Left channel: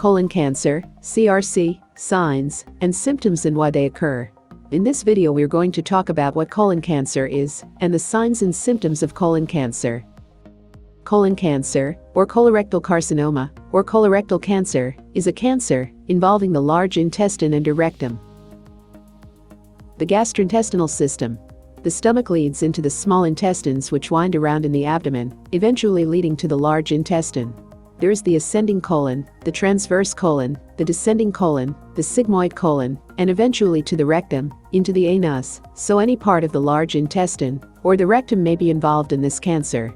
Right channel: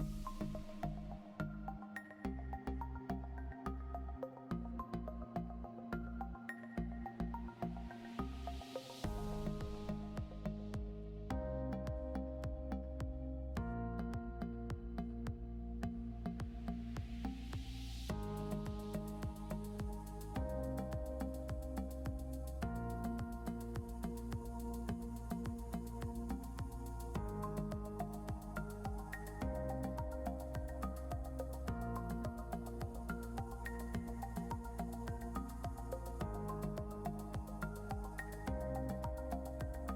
Colon cancer, CRC, signs and symptoms and why they occur. In this video we're going to talk about what colon cancer is and the signs and symptoms of colon cancer. Colon cancer, or colorectal carcinoma, or colorectal cancer, is a cancer involving the large intestine and rectum. The gastrointestinal system. The stomach leads into the small intestines which wind around in the abdomen, eventually leading to the large intestine. There is the ascending colon, the transverse colon, the descending colon, the sigmoid colon, and eventually to the rectum, into the anus, so any part of the large intestine, or the rectum may be involved in this cancer.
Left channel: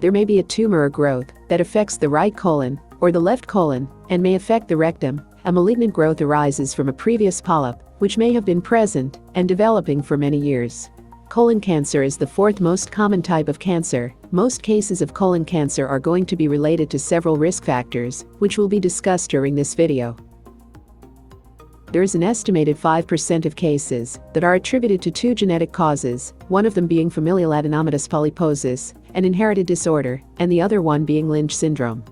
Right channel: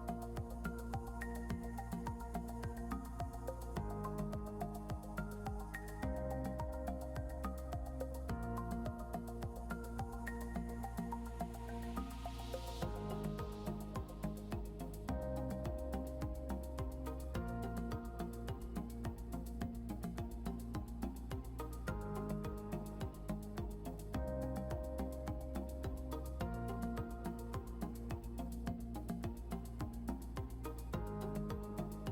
There may be a tumor or growth that affects the right colon, or the left colon, and may affect the rectum. A malignant growth arises from a previous polyp, which may have been present and developing for many years. Colon cancer is the fourth most common type of cancer. Most cases of colon cancer are going to be related to several risk factors, which will be discussed during this video. There is an estimated 5% of cases that are attributed to two genetic causes, one of them being familial adenomatous polyposis, an inherited disorder, and the other one being Lynch syndrome.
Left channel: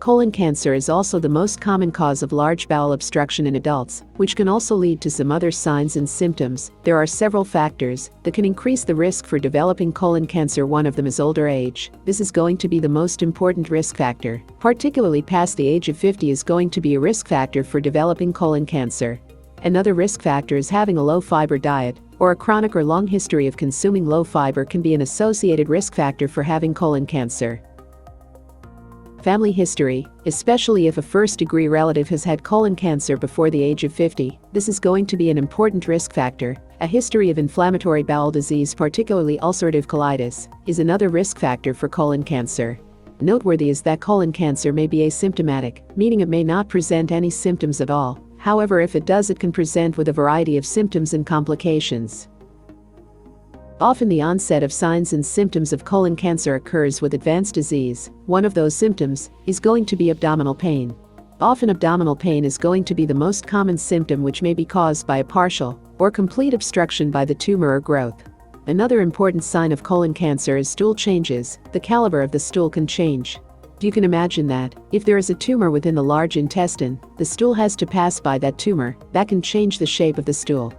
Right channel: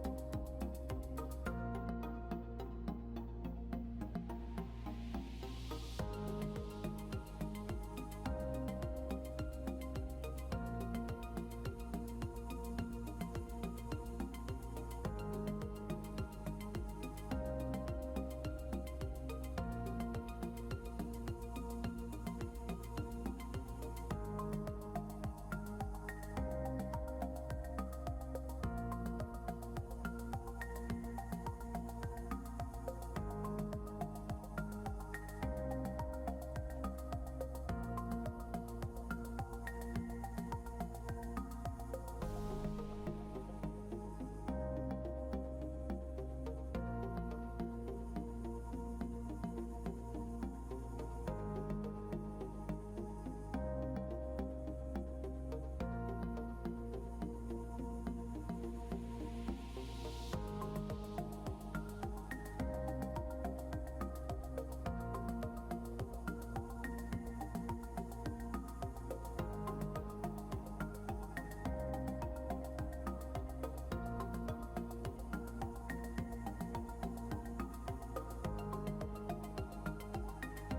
Colon cancer is also the most common cause of large bowel obstruction in adults, which can also lead to some other signs and symptoms. There are several factors that can increase the risk for developing colon cancer. One of them is older age. This is going to be the most important risk factor. Particularly past the age of 50 is going to be a risk factor for developing colon cancer. Another risk factor is having a low-fiber diet, or a chronic or long history of consuming low fiber can be an associated risk factor for having colon cancer. Family history, especially if a first-degree relative has had colon cancer before the age of 50, this is going to be an important risk factor. A history of inflammatory bowel disease, particularly ulcerative colitis, is another risk factor for colon cancer. Noteworthy is that colon cancer may be asymptomatic, meaning it may not present any symptoms at all. However, if it does, it can present with a variety of symptoms and complications. Often the onset of signs and symptoms of colon cancer occurs with advanced disease. One of those symptoms is going to be abdominal pain. Often abdominal pain is going to be the most common symptom, which may be caused by a partial or complete obstruction by the tumor or growth. Another important sign of colon cancer is stool changes. The caliber of the stool can change. You can imagine that, if there is a tumor within the large intestine, the stool has to pass by that tumor. That can change the shape of the stool.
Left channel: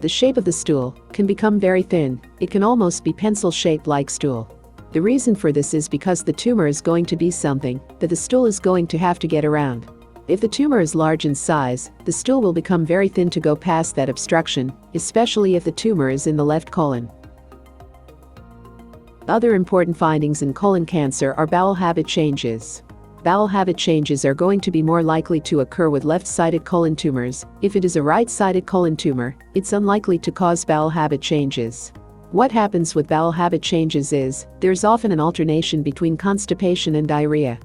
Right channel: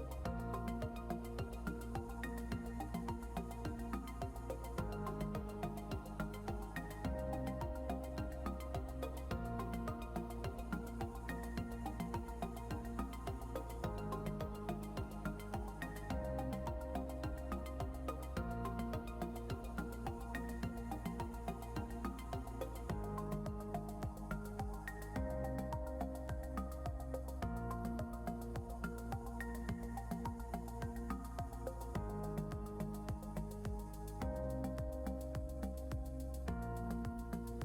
The shape of the stool can become very thin. It can almost be pencil-shaped like stool. The reason for this is because the tumor is going to be something that the stool is going to have to get around. If the tumor is large in size, the stool will become very thin to go past that obstruction, especially if the tumor is in the left colon. Other important findings in colon cancer are bowel habit changes. Bowel habit changes are going to be more likely to occur with left-sided colon tumors. If it is a right-sided colon tumor, it's unlikely to cause bowel habit changes. What happens with bowel habit changes is, there's often an alternation between constipation and diarrhea.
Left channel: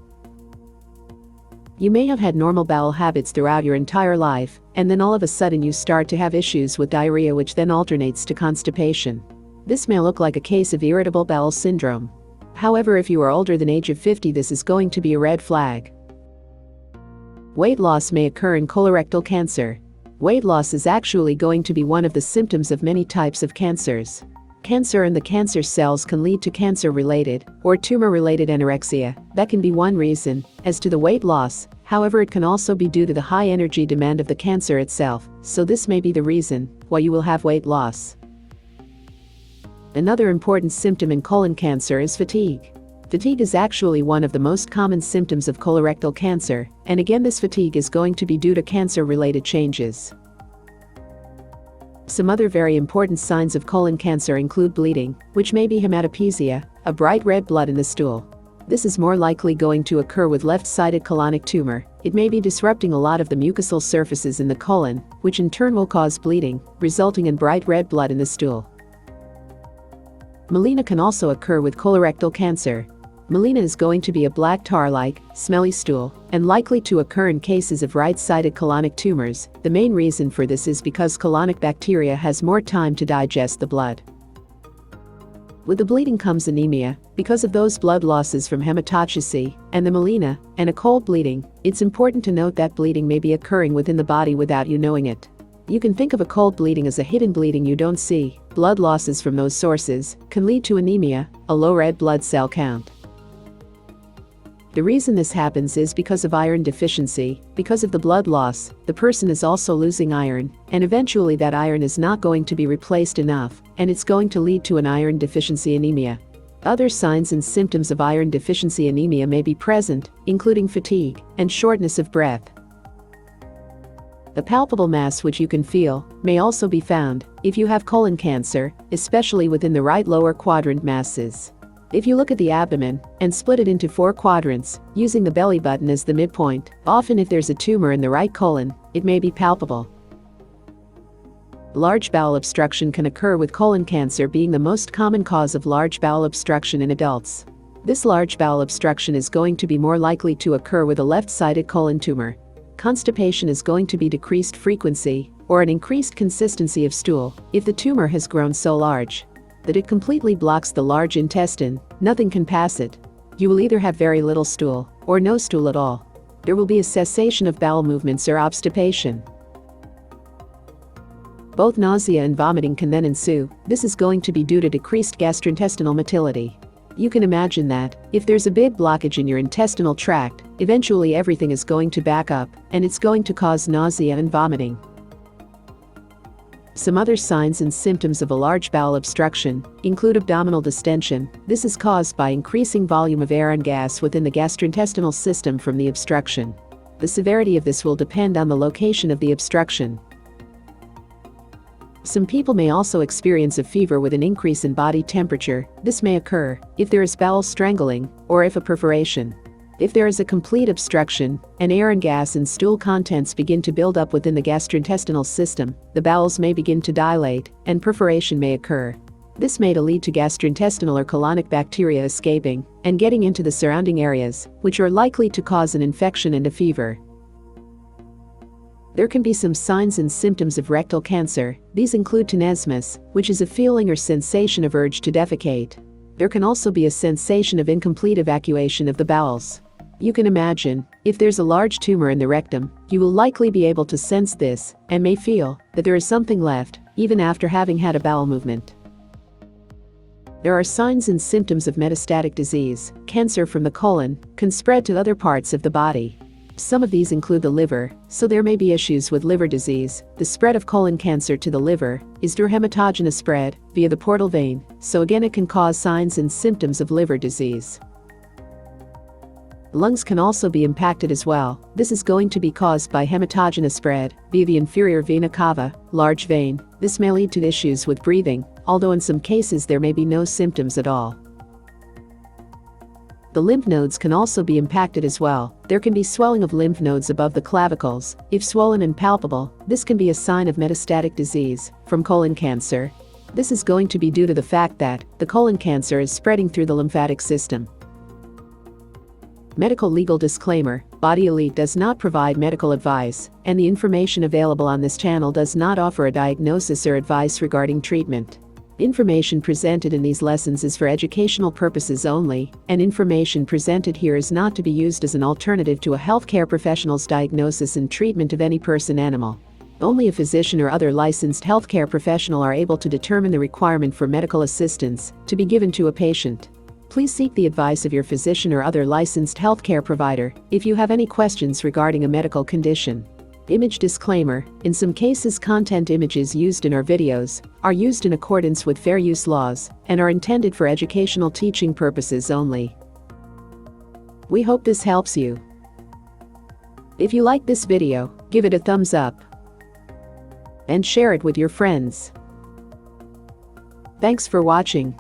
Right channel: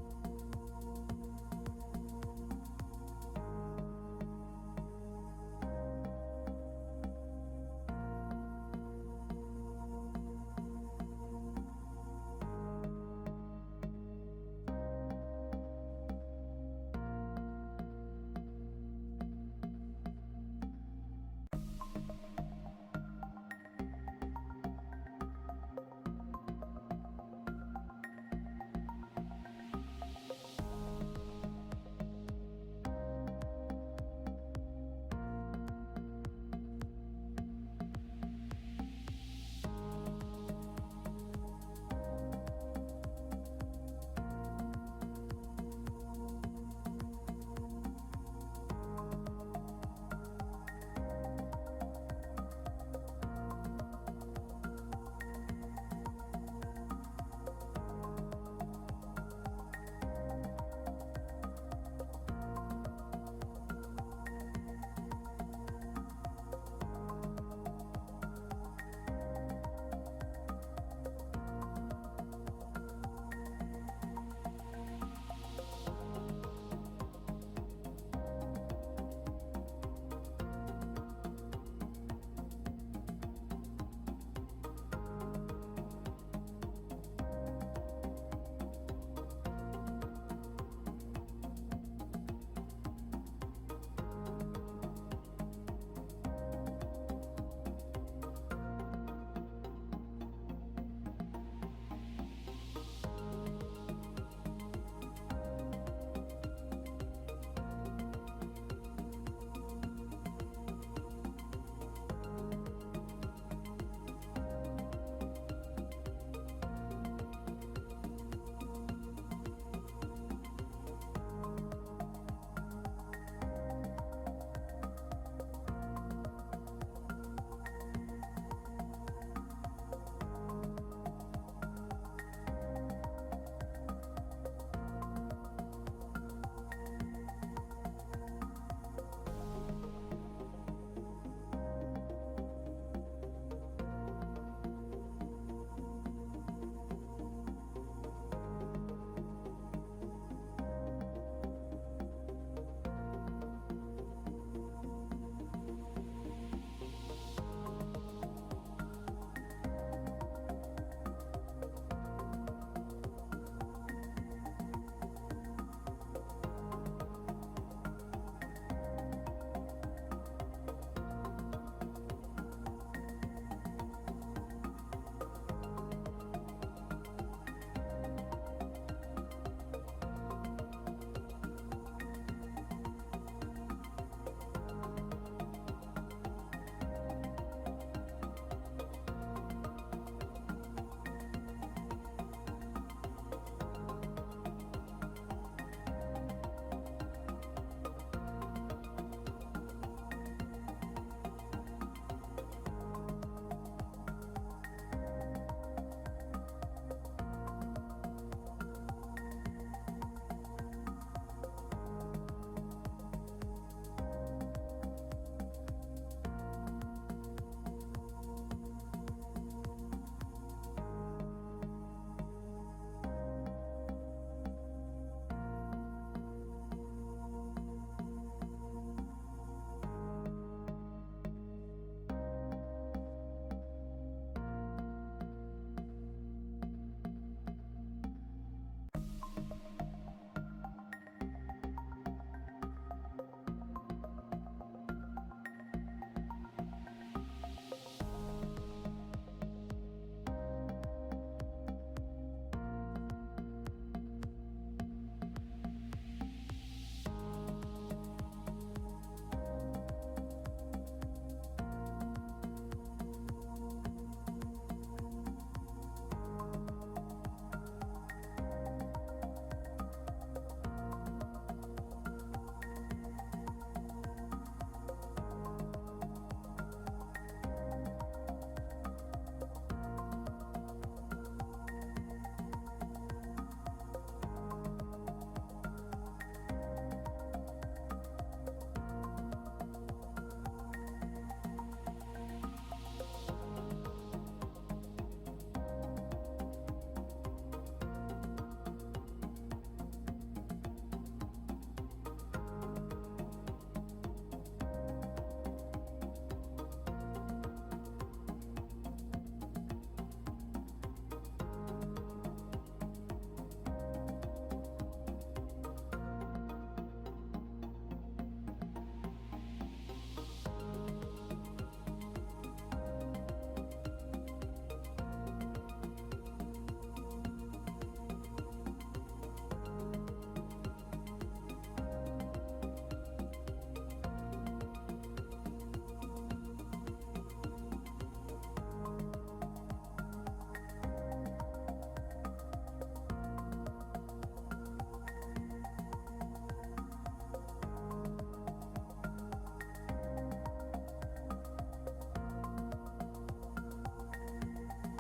You may have had normal bowel habits throughout your entire life, and then all of a sudden you start to have issues with diarrhea, which then alternates to constipation. This may look like a case of irritable bowel syndrome. However, if you are older than age of 50, this is going to be a red flag. Weight loss may occur in colorectal cancer. Weight loss is actually going to be one of the symptoms of many types of cancers. Cancer in the cancer cells can lead to cancer-related or tumor-related anorexia. That can be one reason. As to the weight loss, however, it can also be due to the high energy demand of the cancer itself, so this may be the reason why you will have weight loss. Another important symptom in colon cancer is fatigue. Fatigue is actually one of the most common symptoms of colorectal cancer, and again this fatigue is going to be due to cancer-related changes. Some other very important signs of colon cancer include bleeding, which may be hematopoiesia, a bright red blood in the stool. This is more likely going to occur with left-sided colonic tumor. It may be disrupting a lot of the mucosal surfaces in the colon, which in turn will cause bleeding, resulting in bright red blood in the stool. Melena can also occur with colorectal cancer. Melena is going to be a black tar-like, smelly stool, and likely to occur in cases of right-sided colonic tumors. The main reason for this is because colonic bacteria has more time to digest the blood. With the bleeding comes anemia, because of those blood losses from hematopoiesis and the melena, and a cold bleeding. It's important to note that bleeding may be occurring within the body without you knowing it. You can think of a cold bleeding as a hidden bleeding you don't see. Blood losses from those sources can lead to anemia, a low red blood cell count. The reason this happens is because of iron deficiency. Because of the blood loss, the person is also losing iron, and eventually that iron is not going to be replaced enough, and it's going to lead to an iron deficiency anemia. Other signs and symptoms of iron deficiency anemia may be present, including fatigue and shortness of breath. A palpable mass which you can feel may also be found if you have colon cancer, especially within the right lower quadrant masses. If you look at the abdomen and split it into 4 quadrants, using the belly button as the midpoint, often if there's a tumor in the right colon, it may be palpable. Large bowel obstruction can occur, with colon cancer being the most common cause of large bowel obstruction in adults. This large bowel obstruction is going to be more likely to occur with a left-sided colon tumor. Constipation is going to be decreased frequency or an increased consistency of stool if the tumor has grown so large that it completely blocks the large intestine. Nothing can pass it. You will either have very little stool or no stool at all. There will be a cessation of bowel movements or obstipation. Both nausea and vomiting can then ensue. This is going to be due to decreased gastrointestinal motility. You can imagine that if there's a big blockage in your intestinal tract, eventually everything is going to back up, and it's going to cause nausea and vomiting. Some other signs and symptoms of a large bowel obstruction include abdominal distension. This is caused by increasing volume of air and gas within the gastrointestinal system from the obstruction. The severity of this will depend on the location of the obstruction. Some people may also experience a fever with an increase in body temperature. This may occur if there is bowel strangling or if a perforation. If there is a complete obstruction and air and gas and stool contents begin to build up within the gastrointestinal system, the bowels may begin to dilate and perforation may occur. This may lead to gastrointestinal or colonic bacteria escaping and getting into the surrounding areas, which are likely to cause an infection and a fever. There can be some signs and symptoms of rectal cancer. These include tenesmus, which is a feeling or sensation of urge to defecate. There can also be a sensation of incomplete evacuation of the bowels. You can imagine, if there's a large tumor in the rectum, you will likely be able to sense this and may feel that there is something left, even after having had a bowel movement. There are signs and symptoms of metastatic disease. Cancer from the colon can spread to other parts of the body. Some of these include the liver, so there may be issues with liver disease. The spread of colon cancer to the liver is through hematogenous spread via the portal vein, so again it can cause signs and symptoms of liver disease. Lungs can also be impacted as well. This is going to be caused by hematogenous spread via the inferior vena cava, large vein. This may lead to issues with breathing, although in some cases there may be no symptoms at all. The lymph nodes can also be impacted as well. There can be swelling of lymph nodes above the clavicles. If swollen and palpable, this can be a sign of metastatic disease from colon cancer. This is going to be due to the fact that the colon cancer is spreading through the lymphatic system. Medical legal disclaimer: Body Elite does not provide medical advice, and the information available on this channel does not offer a diagnosis or advice regarding treatment. Information presented in these lessons is for educational purposes only, and information presented here is not to be used as an alternative to a healthcare professional's diagnosis and treatment of any person, animal. Only a physician or other licensed healthcare professional are able to determine the requirement for medical assistance to be given to a patient. Please seek the advice of your physician or other licensed healthcare provider if you have any questions regarding a medical condition. Image disclaimer: in some cases, content images used in our videos are used in accordance with fair use laws and are intended for educational teaching purposes only. We hope this helps you. If you like this video, give it a thumbs up and share it with your friends. Thanks for watching.